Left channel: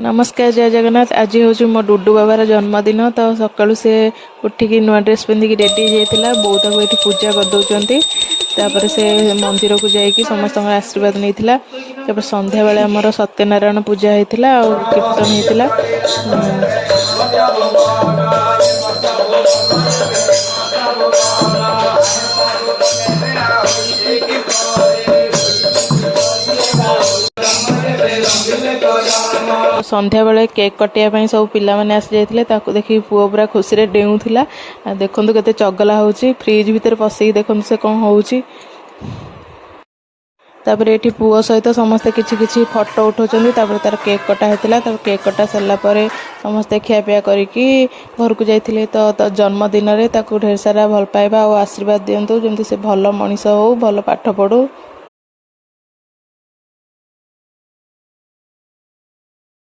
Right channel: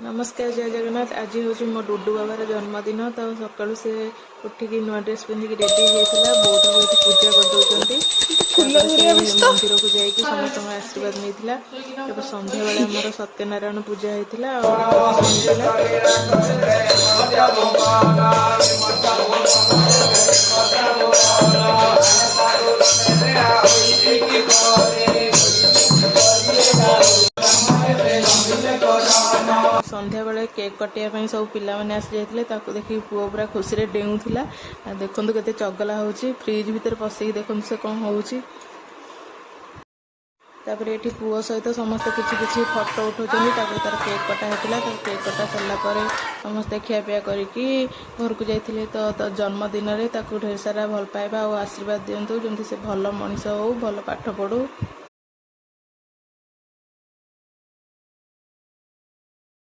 नमस्कार जय जगन्नाथ। आज हूँ मो डुडू बाबार जन्मदिन। तो सकालू से उठिकी नुआ ड्रेस पिंधिकी रेडी होता बोटा को ये पूजा कर दौरान से मंदिर को जाकि समस्त आशीर्वाद नहीं संध्या बेले आमर सत्यनारायण पूजा होता और कीर्तन होता। संध्या बेले केक कटिया सब पिला माने आसी जाइथिले ताको देखि पुओ पूरा खुशी रे डेउथिला। देखंतु केते चगला होउची फ्रिज भीतर पसई देखंतु से कोन होउची। तापर एठी पुओ सहित समस्ते किछि किछि फोटो उठौचंदी। तापर तार केक कटा हेतिला। तापर केक कटा सरला परे समस्ते खियापिया करिकी घर को जाइथिले। तो जन्मदिन रे ताको ढेर सारा भल पाइबा और आशीर्वाद दियंतु जेमति से भल मनीष हो भल पाठ पढ़ू।